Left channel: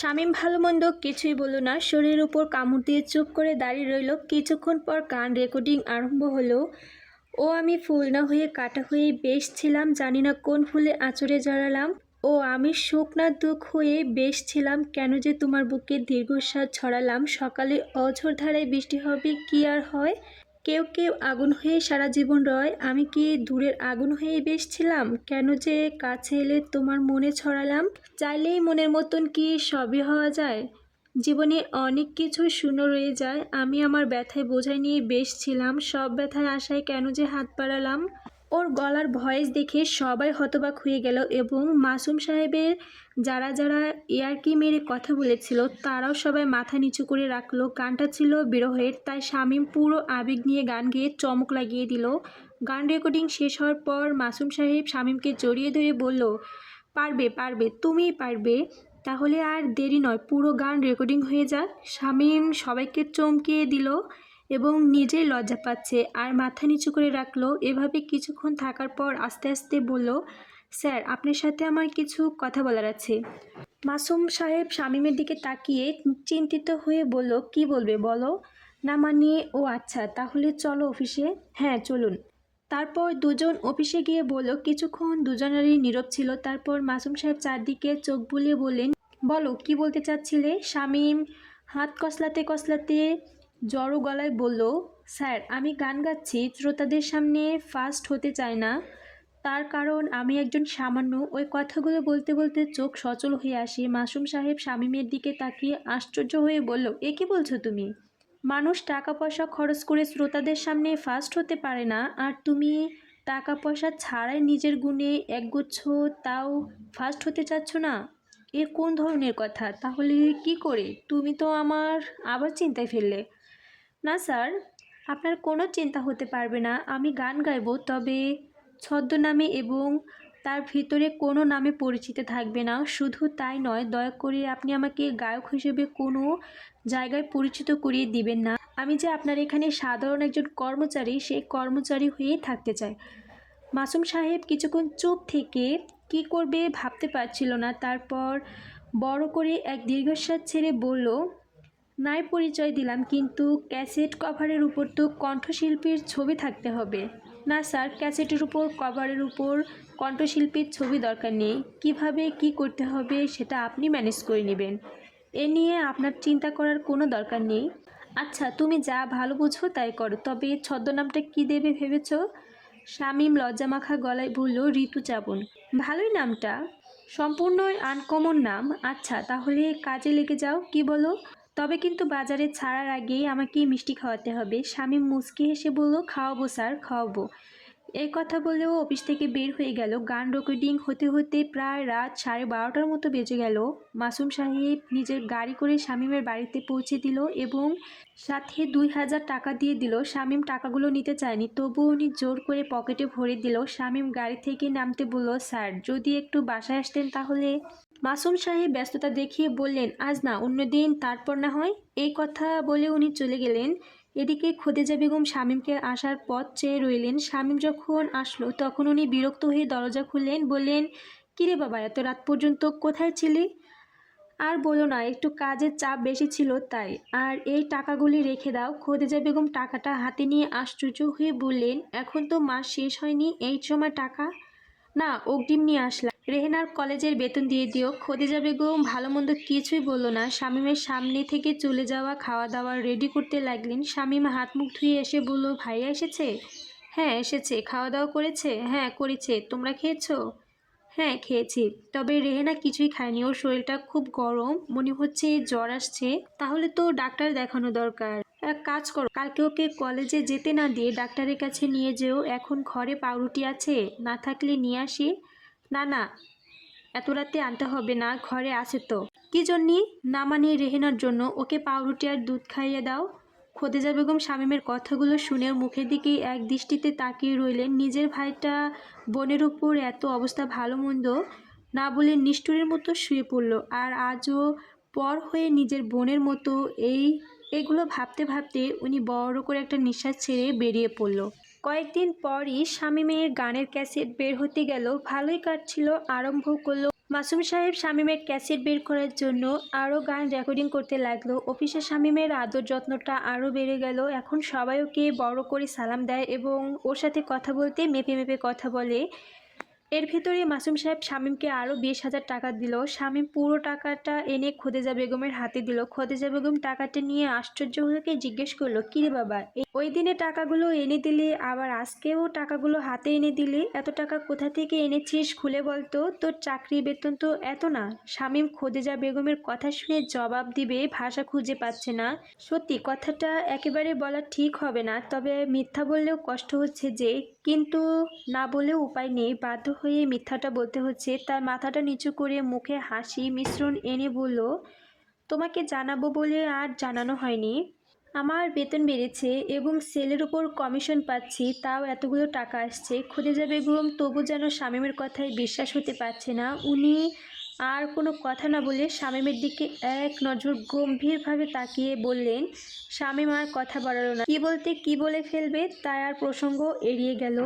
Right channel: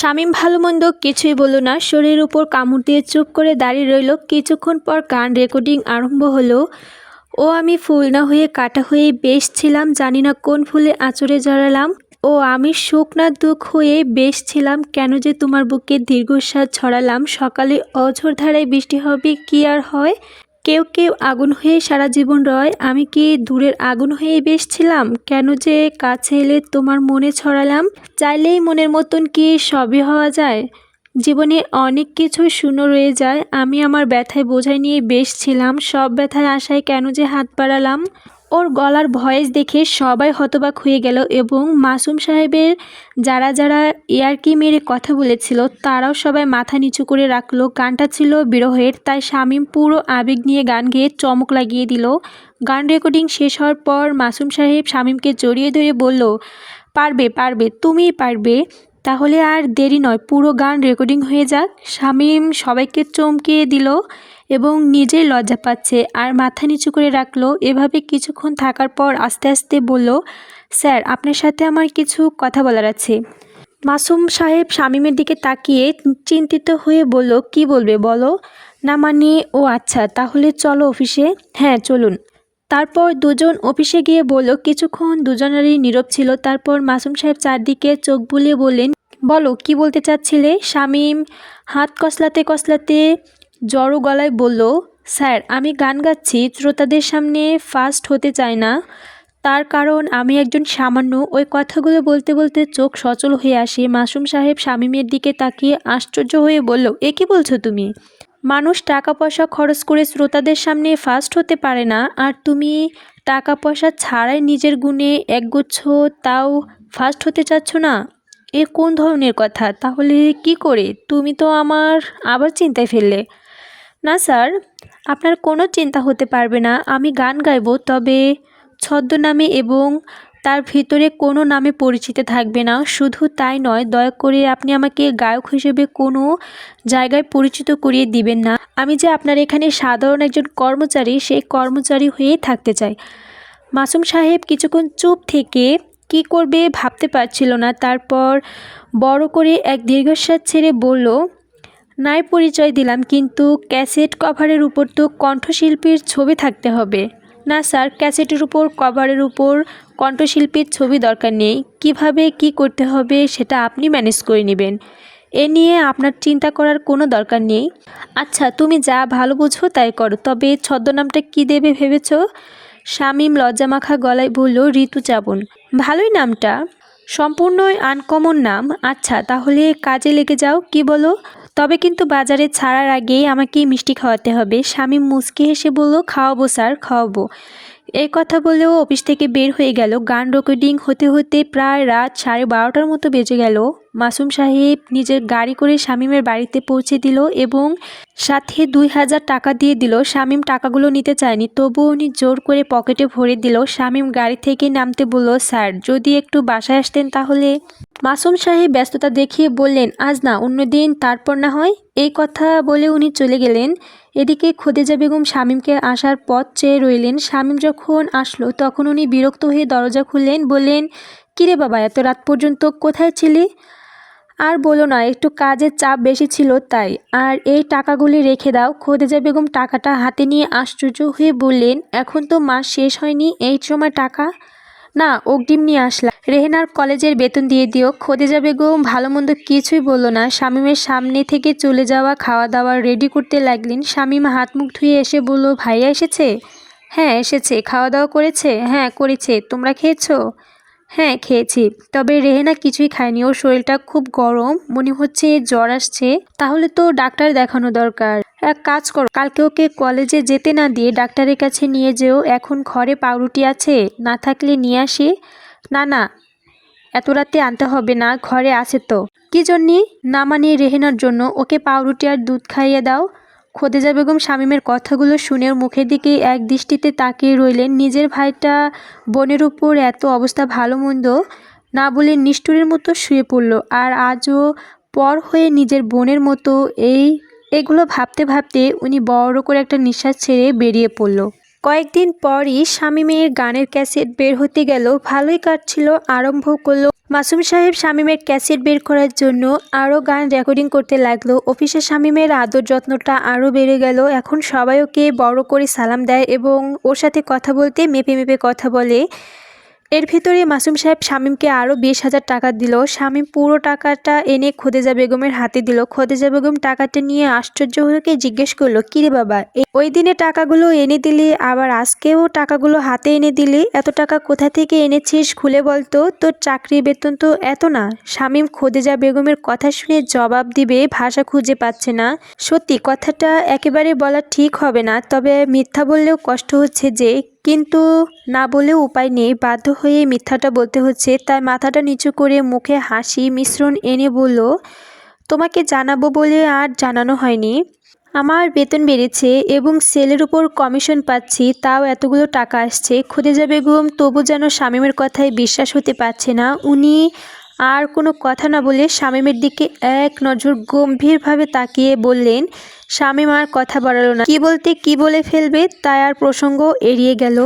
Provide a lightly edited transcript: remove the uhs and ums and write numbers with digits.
শামীম ভালো মন্দ কিছুই বলল না, শরীরের উপর কামড় দিয়ে চুপ করে দাঁড়িয়ে রইল। কিছুক্ষণ পর গান রেকর্ডিং আরম্ভ হলো। ও আমি ফুল না হয়ে কাটা হয়ে বেশ ছিলাম, জানি না কোন ফুলে আঁচড়ে জড়ালাম। ও আমি সুখ না দুঃখ হয়ে বেশ ছিলাম, কেন যে তোমার বুকে দীর্ঘশ্বাস ছড়ালাম। সকালে অঝোর ধারায় বৃষ্টি হবে কি আর হয়, কেউ কেউ আগুন হয়ে সারা জীবন রয়, আমি কি দূরের আগুন হয়ে বেশ ছিলাম, কেন যে কাছে এলে তোমার মনে ছড়ালাম। চাইলেই মনের মতন কি সবই হওয়া যায়, জীবনে অনেক কিছু শূন্য রয়ে যায়। আমি আমার ব্যথায় বোঝাই নিয়ে বেশ ছিলাম, সব ব্যথায় আশায় কেন যে হাত বাড়ালাম। ওর গলার ভয়েস দেখে সবাই হতবাক হয়ে গেল এবং মাসুম সাহেবের যারা যারা ইয়ার্কি মেরে কথা বলেছিল তারাও সবাই মাথা নিচু করে রাখলো। গানটা ছিল বিরহের, তাই শামীম পুরো আবেগ নিয়ে গান গেয়ে চমক লাগিয়ে দিল। গান রেকর্ডিং শেষ হওয়ার পর মাসুম সাহেব শামীমকে জড়িয়ে ধরে বলল, পারবে পারবে, তুমিই পারবে, তাহলে আর দেরি নয়, পুরো গান রেকর্ডিং হয়ে যাক। শামীম সবাইকে চমকিয়ে দিল এবং নিজেই লজ্জা পাচ্ছে আর মাথা নিচু করে রাখলো। এভাবে কিছুক্ষণ থাকার পর আস্তে আস্তে বলল, স্যার আপনার সাথে আমার কিছু কথা বলার আছে। মাসুম সাহেব শামীমের দিকে তাকিয়ে চিন্তিত হয়ে বলল, কি বলবে বলো। না মানে, ও আচ্ছা তাহলে চলো অফিসে। হ্যাঁ চলুন। তারপর দুজন অফিসে গিয়ে বলল। কিছুক্ষণ দুজনেরই নীরব ছিল। তারপর মাসুম সাহেব চারদিকে চোখ বুলিয়ে বললেন, বলো কি বলতে চাচ্ছিলে। শামীম হাত কসলাতে কসলাতে জড়ো গলায় বলল, স্যার আমি গান গাচ্ছি, শ্রোতাদের সামনে ফার্স্ট হতে চাই না, তার কারণ আমি একজন সামান্য। ওই কথাগুলো বলতে বলতে চোখ সচল হয়ে আসে। মাসুম সাহেব শামীমের দিকে তাকিয়ে আশ্চর্য হয়ে বলল, এ কি বলছো তুমি? মানুষ টাকা পয়সা খরচ করে শ্রোতাদের সামনে ফার্স্ট হতে পারে না, আর তুমি টাকা পয়সা ছাড়াই নিজের গুণে একগুচ্ছ, তাও ফার্স্ট হতে চাচ্ছ না? এ কোন ধরনের কথা? তাহলে কি করে? তুমি তো আমার আবার চিন্তায় ফেললে। না স্যার, আপনার কোনো চিন্তা হতে পারবে না। আমি গান গাইব, তবে ছদ্মনামে, এবং তার ভিতরে কোনো নামে পরিচিত থাকবে না। শুধু তাই নয়, দয়া করে আপনি আমাকে গায়ক হিসেবে কোনো জায়গায় পরিচিত করিয়ে দিবেন না। আমি যে আপনার এখানে সাধারণ একজন কর্মচারী, সেই কর্মচারী হয়েই থাকতে চাই। মাসুম সাহেব কিছুক্ষণ চুপ থেকে কি করবে ভাবতে পারছিল না। তারপর বড় করে এক দীর্ঘশ্বাস ছেড়ে বলল, নাই পরিচয় দিলাম, কিন্তু ক্যাসেট কভারের উপর তো কণ্ঠশিল্পীর ছবি থাকতে হবে। না স্যার, ক্যাসেটের উপর কভারের উপর কণ্ঠশিল্পীর ছবি দরকার নেই। কিভাবে কি করতে হবে সেটা আপনি ম্যানেজ করে নেবেন, এ নিয়ে আপনার চিন্তা করার কোনো দরকার নেই। আচ্ছা তুমি যা ভালো বুঝো তাই করো, তবে ছদ্মনামটা কি দেবে ভেবেছ? শামীম লজ্জামাখা গলায় বলল, ঋতুচাবন। ভালোই নামটা, সম্পূর্ণই আনকমন নাম। আচ্ছা তাহলে কাজে লেগে যাও, কি বলো? তবে কিন্তু বাজারে ছাড়ার আগেই আমাকে মিষ্টি খাওয়াতে হবে। শামীম মুচকি হেসে বলল, খাওয়াবো স্যার, খাওয়াবো। এই কথা বলেও অফিস থেকে বের হয়ে গেল। গান রেকর্ডিং হতে হতে প্রায় রাত 12:30টার মতো বেজে গেল। মাসুম সাহেব নিজের গাড়ি করে শামীমের বাড়িতে পৌঁছে দিল এবং সাথে 2000 টাকা দিয়ে দিল। শামীম টাকাগুলো নিতে চায়নি, তবুও উনি জোর করে পকেটে ভরে দিল। শামীম গাড়ি থেকে নামতে বলল, স্যার যদি একটু বাসায় আসতেন তাহলে। মাসুম সাহেব ব্যস্ততা দেখিয়ে বললেন, আজ না, অন্যদিন, তারপর না হয়। এই কথা বলে উনি চলে গেলেন। এদিকে খদিজা বেগম শামীমকে আসার পথ চেয়ে রইলেন। শামীম যখন আসলো তখন উনি বিরক্ত হয়ে দরজা খুললেন, বললেন, কিরে বাবা এত রাত পর্যন্ত কোথায় ছিলি? আর বলো না, একটু কাজের চাপ বেশি ছিল তাই। আর এই টাকাগুলি রেখে দাও। খদিজা বেগম টাকাটা হাতে নিয়ে আশ্চর্য হয়ে বললেন, এখন তো মাস শেষ হয়নি, এই সময় টাকা? না, অগ্রিম নিয়ে আসলাম, রেহেনার কলেজের বেতন দিয়ে দিও। খদিজা বেগম ভালো মন্দ কিছুই বলল না। শামীমের সামনে থেকে চলে যাওয়া খাওয়া দাওয়া রেডি করতে লাগলেন। শামীম হাত মুখ ধুয়ে এসে বলল, ভাইয়া এসেছে? হ্যাঁ এসেছে। খাওয়া দাওয়া করেছে? হ্যাঁ করেছে। তোমরা খেয়েছো? হ্যাঁ খেয়েছি, তবে রেহেনা কিছুই খায়নি, ওর শরীরটা খুব গরম, মনে হচ্ছে জ্বর আসছে। তাহলে তো ডাক্তার দেখানো দরকার। এক কাজ করো, কালকে ওকে কলেজে যেতে না দিয়ে ডাক্তারের কাছে নিয়ে যেও। এখন ঘরে পাউরুটি আছে, না থাকলে নিয়ে আসি। না না, এত রাতে আনতে হবে না, ঘরে আছে তো। কি জন্যে? না মানে রেহেনার জন্য, ওকে পাউরুটি আর দুধ খাইয়ে দাও। খদিজা বেগম শামীমের কথাগুলো শুনে ওর মুখের দিকে এক দৃষ্টিতে তাকিয়ে রইলেন। নিজের ভাইটা বোনের উপর এত অবস্থা ভালো মন্দ না বলে নিষ্ঠুরের মতো শুয়ে পড়ল, আর আজও পর হয়ে নিজের বোনের মতো। এগুলো ভাবতে ভাবতে উনি বড় করে একটা নিঃশ্বাস ছেড়ে বেরিয়ে পড়ল। কয়েকদিন পরই শামীমের গানের ক্যাসেট বের হতে গেল, ভালোই কাটছিল। আরম্ভ করলো মাসুম সাহেব শামীমের ক্যাসেট বের করার জন্য আরও গান রেকর্ডিং করতে লাগলো। অফিসে শামীমের আদর যত্নটা আরও বেড়ে গেল। এখন সবাই ওকে বড় করে সালাম দেয় এবং ওর সাথে কথা বলতে মেপে মেপে কথা বলে। এর ভিতরে মাসুম সাহেব শামীমকে আরও 20,000 টাকা দিল। শামীম পুরো টাকাটা এনে খোদেজা বেগমের হাতে দিল। খোদেজা বেগম টাকাটা নিয়ে আশ্চর্য হয়ে জিজ্ঞেস করলো, কিরে বাবা, ওই দিনে টাকাগুলো এনে দিলি, আবার আজকেও টাকাগুলো হাতে এনে দিলি, এত টাকা কোথা থেকে এনেছিস খুলে বলতো, তোর চাকরির বেতন তো এত না। শামীম খোদেজা বেগমের কথা শুনে জবাব দিবে ভাষা খুঁজে পাচ্ছে না। সত্যি কথাটা একেবারে বলা ঠিক হবে না, তবে মিথ্যা বললেও কষ্ট হচ্ছে যে, কিন্তু না বলেও উপায় নেই, বাধ্য হয়ে মিথ্যাটা বলতে হচ্ছে। তাই মাথাটা নিচু করে মুখে হাসি মিশ্রণ এনে বলল, তোমাকে জানাবো বলে আর জানানো হয়নি। আমার বেতন বেড়েছে এবং সেলের উপর কমিশন পাচ্ছি, তাও এতগুলো টাকা আসছে। খোদেজা বেগম তবু যেন শামীমের কথায় বিশ্বাস হতে পারছে না। উনি আর কোনো কথা না বলে শামীমের দিকে এক নজর গম্ভীরভাবে তাকিয়ে বললেন। শামীম আর কথা বাড়ালো না, কি বলতে কি বলে ফেলবে তাই আর প্রসঙ্গ এড়িয়ে গেল।